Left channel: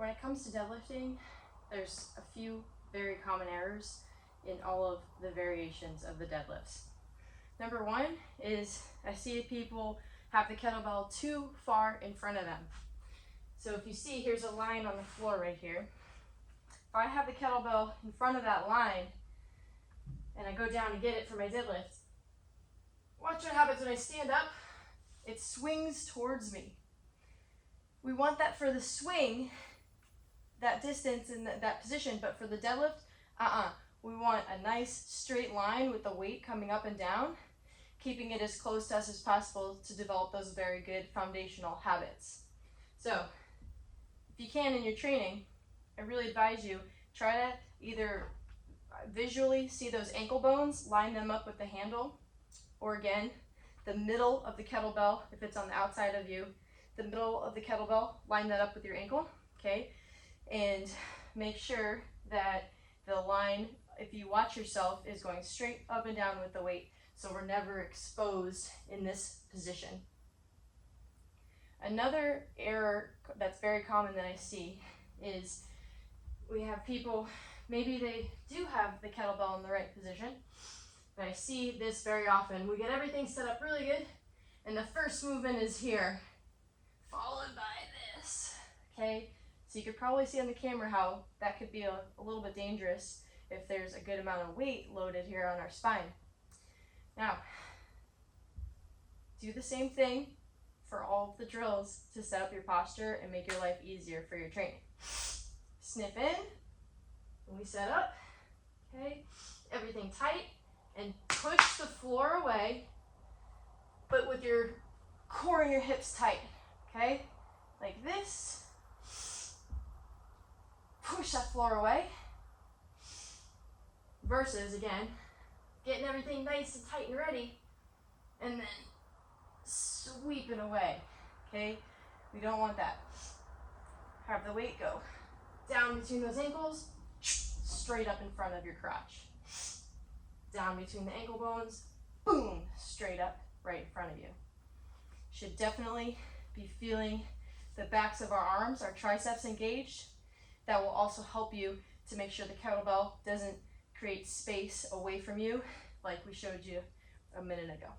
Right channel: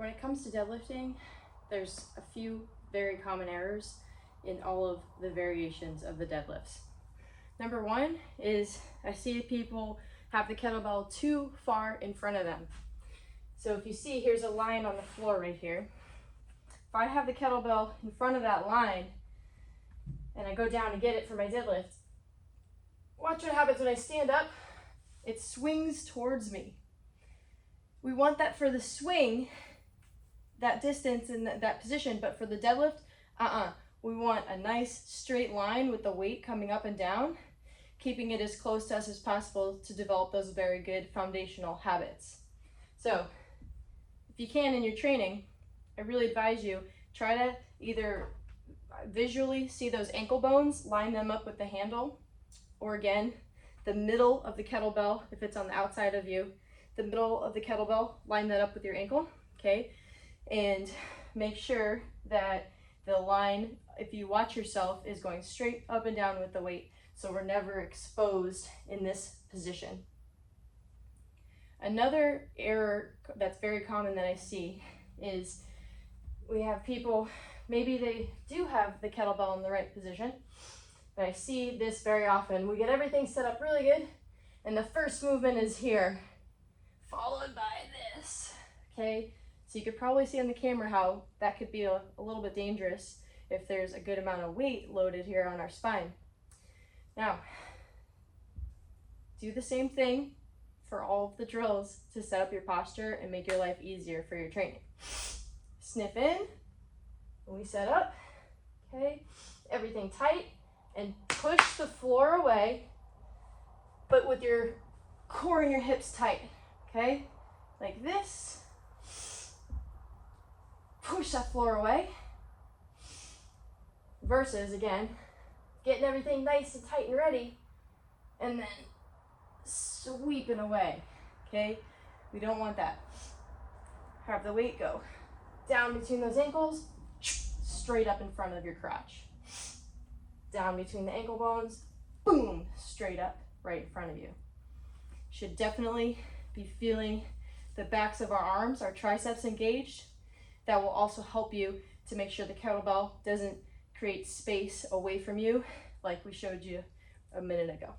When it comes to deadlifting, there's a few very common errors in all of the variations of the deadlifts. Number one is I see people have the kettlebell too far in front of them. So if you see, here's a line on the floor right here. If I have the kettlebell in front of that line and I go down to get it for my deadlift, watch what happens when I stand up. It swings towards me. We want that for the swing, that distance and that position, but for the deadlift, we want a nice straight line with the weight coming up and down, keeping it as close to us as possible to develop those very good foundational habits. So if you can in your training, I really advise you, try to either visually see those ankle bones, line them up with the handle, or again, the middle of the kettlebell, if it's on the outside of you, the middle of the kettlebell, line that up with your ankle, okay? And make sure that the line, if you watch yourself, is going straight up and down with the weight, so we're never exposed in this position. Another error that's very common that I see is we have people, maybe they do have the kettlebell in the right position, but I see this very often. We get everything set up really good, and the first movement is here, followed by this, okay? So you could probably see on the camera how that could be a little bit dangerous if there's a good amount of weight loaded here on our spine. Now, do the same thing for all of the drills to set up your posture and make your life easier for your training. Sniff in, when we set up, okay? Everything tight, and push the floor away, but with your core and your hips tight, okay? Like this. Push that floor away. Versus, again, getting everything nice and tight and ready, and then sweeping away, okay? We don't want that. Have the weight go down between those ankles, straight up in front of your crotch. Down between the ankle bones, boom, straight up right in front of you. Should definitely be feeling the backs of our arms, our triceps engaged. That will also help you to make sure the kettlebell doesn't create space away from you like we showed you a minute ago.